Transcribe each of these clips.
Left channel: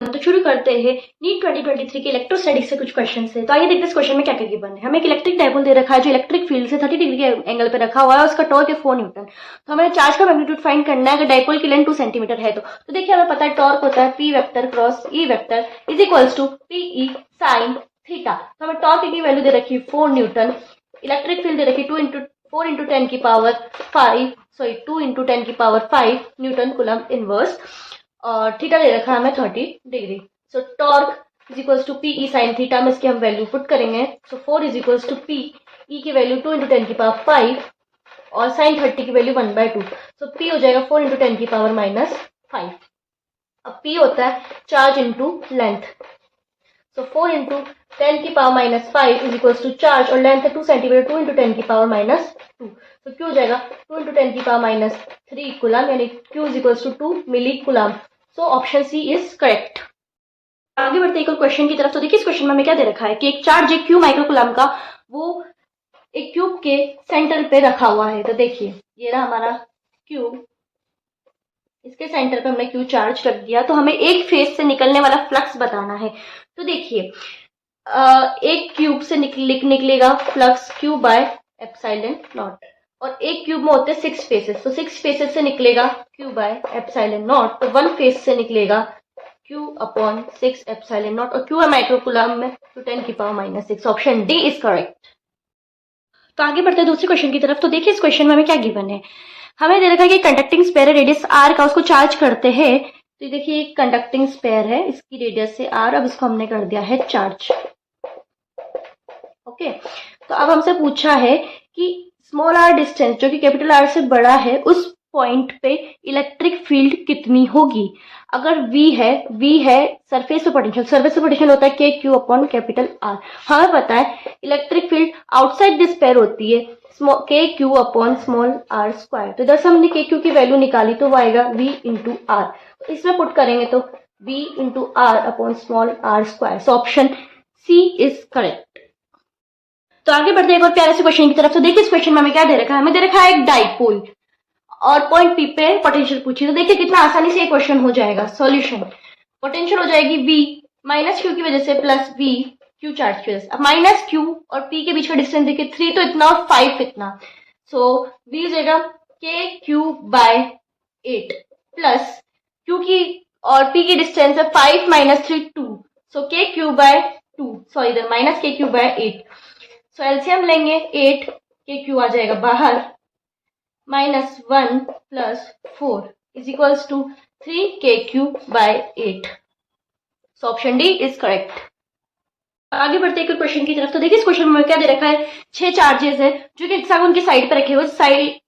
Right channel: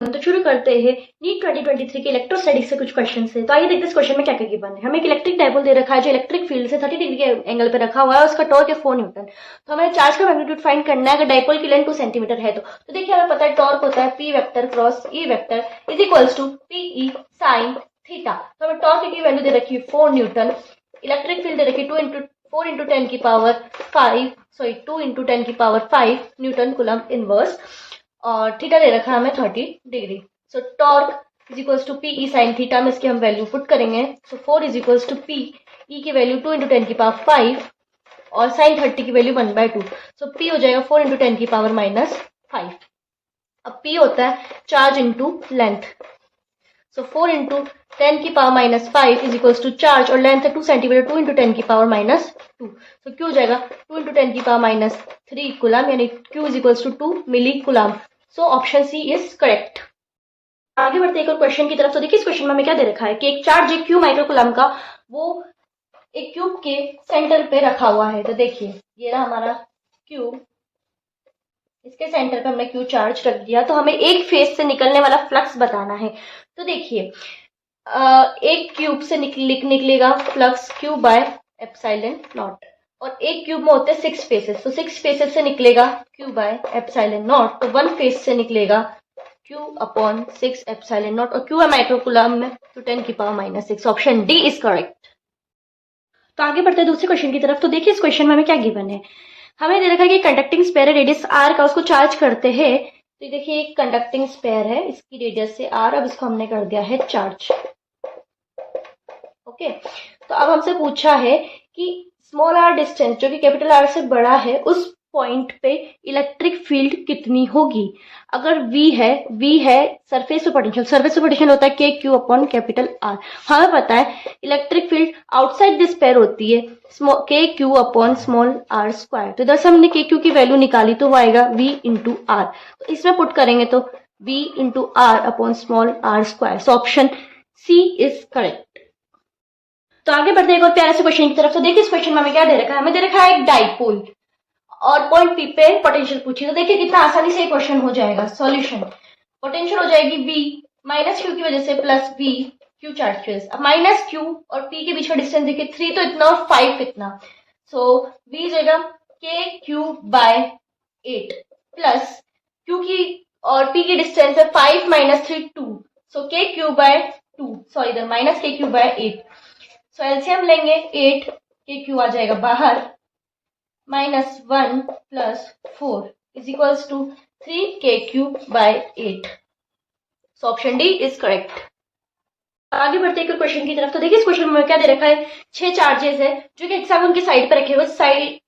तो शुरू करते हैं नीट 2023 के इलेक्ट्रोस्टैटिक्स से कुछ क्वेश्चन से। तो आइए देखते हैं इस क्वेश्चन में क्या क्या गिवन है। हमें एक इलेक्ट्रिक डायपोल दे रखा है जो इलेक्ट्रिक फील्ड से 30 डिग्री के एंगल पे रखा हुआ है, उसका टॉर्क है 4 न्यूटन। तो हमें चार्ज का मैग्नीट्यूड फाइंड करना है अगर डायपोल की लेंथ 2 सेंटीमीटर है तो देखिए हमें पता है टॉर्क होता है P vector cross E vector is equals to PE sine theta. तो हमें टॉर्क की वैल्यू दे रखी है 4 न्यूटन, इलेक्ट्रिक फील्ड दे रखी है 4 इंटू 10 की पावर 5 2 इंटू 10 की पावर 5 न्यूटन कूलम इनवर्स, और थीटा दे रखा है हमें 30 degree. So torque is equals to P E sine theta में इसकी हम वैल्यू पुट करेंगे। So 4 is equals to P E की वैल्यू 2 इंटू 10 की पावर 5 और साइन 30 की वैल्यू 1/2। सो पी हो जाएगा 4 इंटू 10 की पावर -5। अब पी होता है charge into length. So 4 into 10 की power -5 is equals to charge और लेंथ है 2 सेंटीमीटर, 2 इंटू 10 की पावर -2। सो क्यू हो जाएगा 2 इंटू 10 की पावर -3 कुलम, यानी Q is equals to 2 milli coulomb. So option C is correct. आगे बढ़ते एक और क्वेश्चन की तरफ। तो देखिए इस क्वेश्चन में हमें क्या दे रखा है कि एक चार्ज एक क्यू माइक्रोकुलम का वो एक क्यूब के सेंटर पे रखा हुआ है। तो देखिए ये रहा हमारा क्यूब, इसके सेंटर पे हमने क्यू चार्ज कर दिया। तो हमें एक फेज से निकलने वाला फ्लक्स बताना है। तो देखिए एक क्यूब से निकलेगा flux Q by epsilon not, और एक क्यूब में होते हैं 6 फेसेस। तो 6 फेसेस से निकलेगा क्यू बाय एप्सिलॉन नॉट, तो 1 फेज से निकलेगा Q अपॉन 6 एप्सिलॉन नॉट, और Q है माइक्रोकुलम में तो 10 की power -6। Option D is correct. तो आगे बढ़ते हैं दूसरे क्वेश्चन की तरफ। तो देखिए इस क्वेश्चन में हमें क्या गिवन है। हमें दे रखा है कि कंडक्टिंग स्पेयर रेडियस आर का, उसको चार्ज करते हैं। तो देखिए एक कंडक्टिंग स्पेयर है, इसकी रेडियस है आर, अब इसको हमने कर दिया है चार्ज। ओके, तो अब हमसे पूछा है कि स्मॉल आर डिस्टेंस जो कि कैपिटल आर से बड़ा है उस पॉइंट पे इलेक्ट्रिक फील्ड कितनी होगी। अगर V है सरफेस पे पोटेंशियल, सरफेस पे पोटेंशियल होता है K Q upon capital R. हमें पता है electric field outside this pair होती है K Q upon small R square. तो इधर से हमने के क्यू की वैल्यू निकाली तो वो आएगा V इंटू आर। तो इसमें पुट करेंगे तो V into R upon small R square. So option C is correct. तो आगे बढ़ते हैं एक और प्यारे से क्वेश्चन की तरफ। तो देखिए इस क्वेश्चन में हमें क्या दे रखा है। हमें दे रखा है एक डाइपोल और पॉइंट पी पे पोटेंशियल पूछी। तो देखिए कितना आसानी से ये क्वेश्चन हो जाएगा। सॉल्यूशन, पोटेंशियल हो जाएगी V माइनस क्यू की वजह से प्लस V क्यू चार्ज की वजह से। अब माइनस क्यू और P के बीच का डिस्टेंस देखिए 3 तो इतना, 5 इतना। सो V हो जाएगा के क्यू बाय 8 प्लस क्यू की और P की डिस्टेंस है 5 माइनस 3 2। सो के क्यू बाय 2, सॉरी इधर माइनस के क्यू बाय 8। सो एलसीएम लेंगे 8, के क्यू आ जाएगा बाहर, -1 plus 4 is equals to 3 K Q by 8। So option D is correct. आगे बढ़ते हैं क्वेश्चन की तरफ। तो देखिए इस क्वेश्चन में क्या दे रखा है। 6 चार्जेस है जो कि हेक्सागन की साइड पर रखे हुए,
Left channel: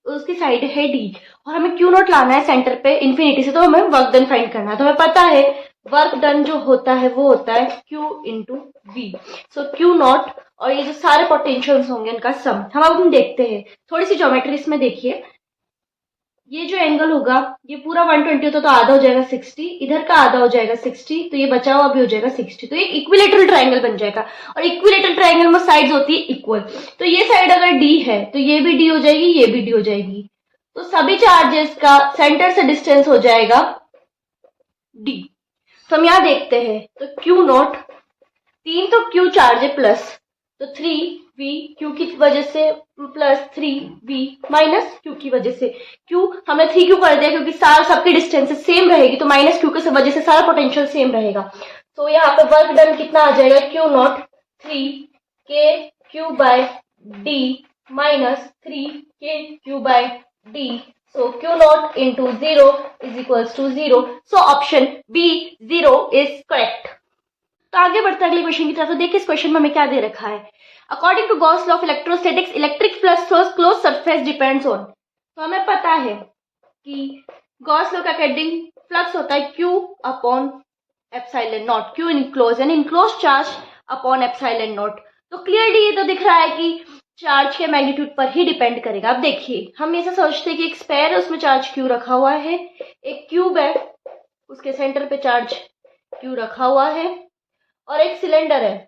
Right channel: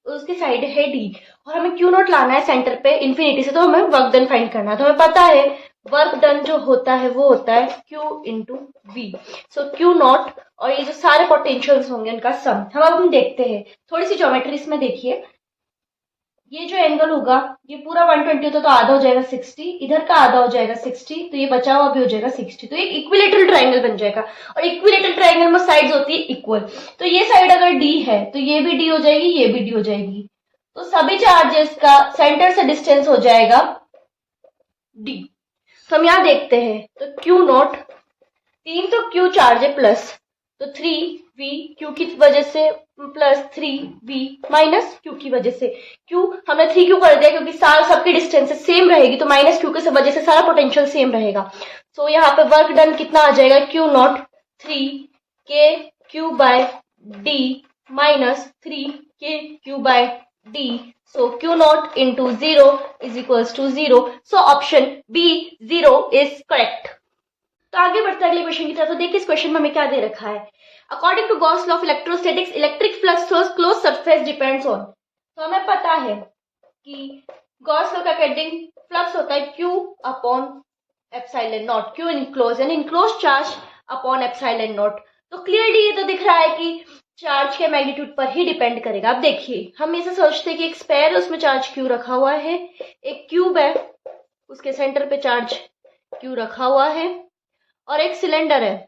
उसकी साइड है डी, और हमें क्यू नॉट लाना है सेंटर पे इन्फिनिटी से। तो हमें वर्क डन फाइंड करना है। तो हमें पता है वर्क डन जो होता है वो होता है Q into V. So Q naught और ये जो सारे पोटेंशियल्स होंगे इनका सम हम देखते हैं। थोड़ी सी ज्योमेट्री इसमें देखिए, ये जो एंगल होगा ये पूरा 120 होता तो आधा हो जाएगा 60, इधर का आधा हो जाएगा 60, तो ये बचा हुआ भी हो जाएगा 60। तो एक इक्विलेटरल ट्रायंगल बन जाएगा, और इक्विलेटरल ट्रायंगल में साइड्स होती है इक्वल। तो ये साइड अगर डी है तो ये भी डी हो जाएगी, ये भी डी हो जाएगी। तो सभी चार्जेस का सेंटर से डिस्टेंस हो जाएगा डी। तो हम यहाँ देखते हैं तो क्यू नॉट 3 तो क्यू चार्ज है प्लस, तो 3v क्यू की वजह से प्लस 3v माइनस क्यू की वजह से। क्यू हमने 3q कर दिया क्योंकि साल सबकी डिस्टेंस सेम रहेगी, तो माइनस क्यू की वजह से सारा पोटेंशियल सेम रहेगा। तो यहाँ पे वर्क डन कितना आ जाएगा, Q not 3 K Q by D minus 3 K Q by D. So Q naught into 0 is equals to 0। So option B 0 is correct. तो आगे बढ़ते हैं अगले क्वेश्चन की तरफ। तो देखिए इस क्वेश्चन में हमें क्या दे रखा है। According to Gauss law of electrostatics electric flux through close surface depends on. तो हमें पता है कि गॉस लॉ का अकॉर्डिंग फ्लक्स होता है Q upon epsilon nought, Q enclose यानी enclose charge upon epsilon nought. तो क्लियरली ये तो दिख रहा है कि चार्ज के मैग्नीट्यूड पर ही डिपेंड करेगा। अब देखिए हम ऐसा सोचते हैं कि एक स्पेयर है उसमें चार्ज Q रखा हुआ है, एक क्यूब है उसके सेंटर पे चार्ज Q रखा हुआ है, और एक सिलेंडर है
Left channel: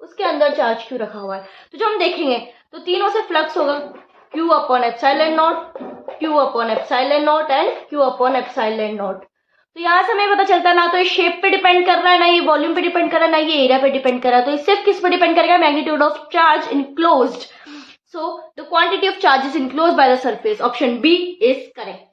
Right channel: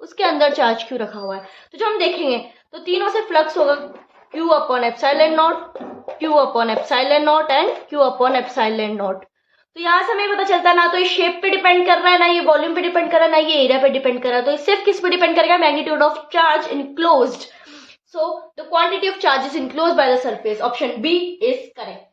उसके अंदर चार्ज Q रखा हुआ है। तो जो हम देखेंगे तो तीनों से फ्लक्स होगा Q upon epsilon nought, Q upon epsilon not and Q upon epsilon nought. तो यहाँ से हमें पता चलता ना तो ये शेप पे डिपेंड कर रहा है, ना ये वॉल्यूम पे डिपेंड कर रहा है, ना ये एरिया पे डिपेंड कर रहा है। तो ये सिर्फ किस पे डिपेंड करेगा? Magnitude of charge enclosed. So the quantity of charges enclosed by the surface. Option B is correct.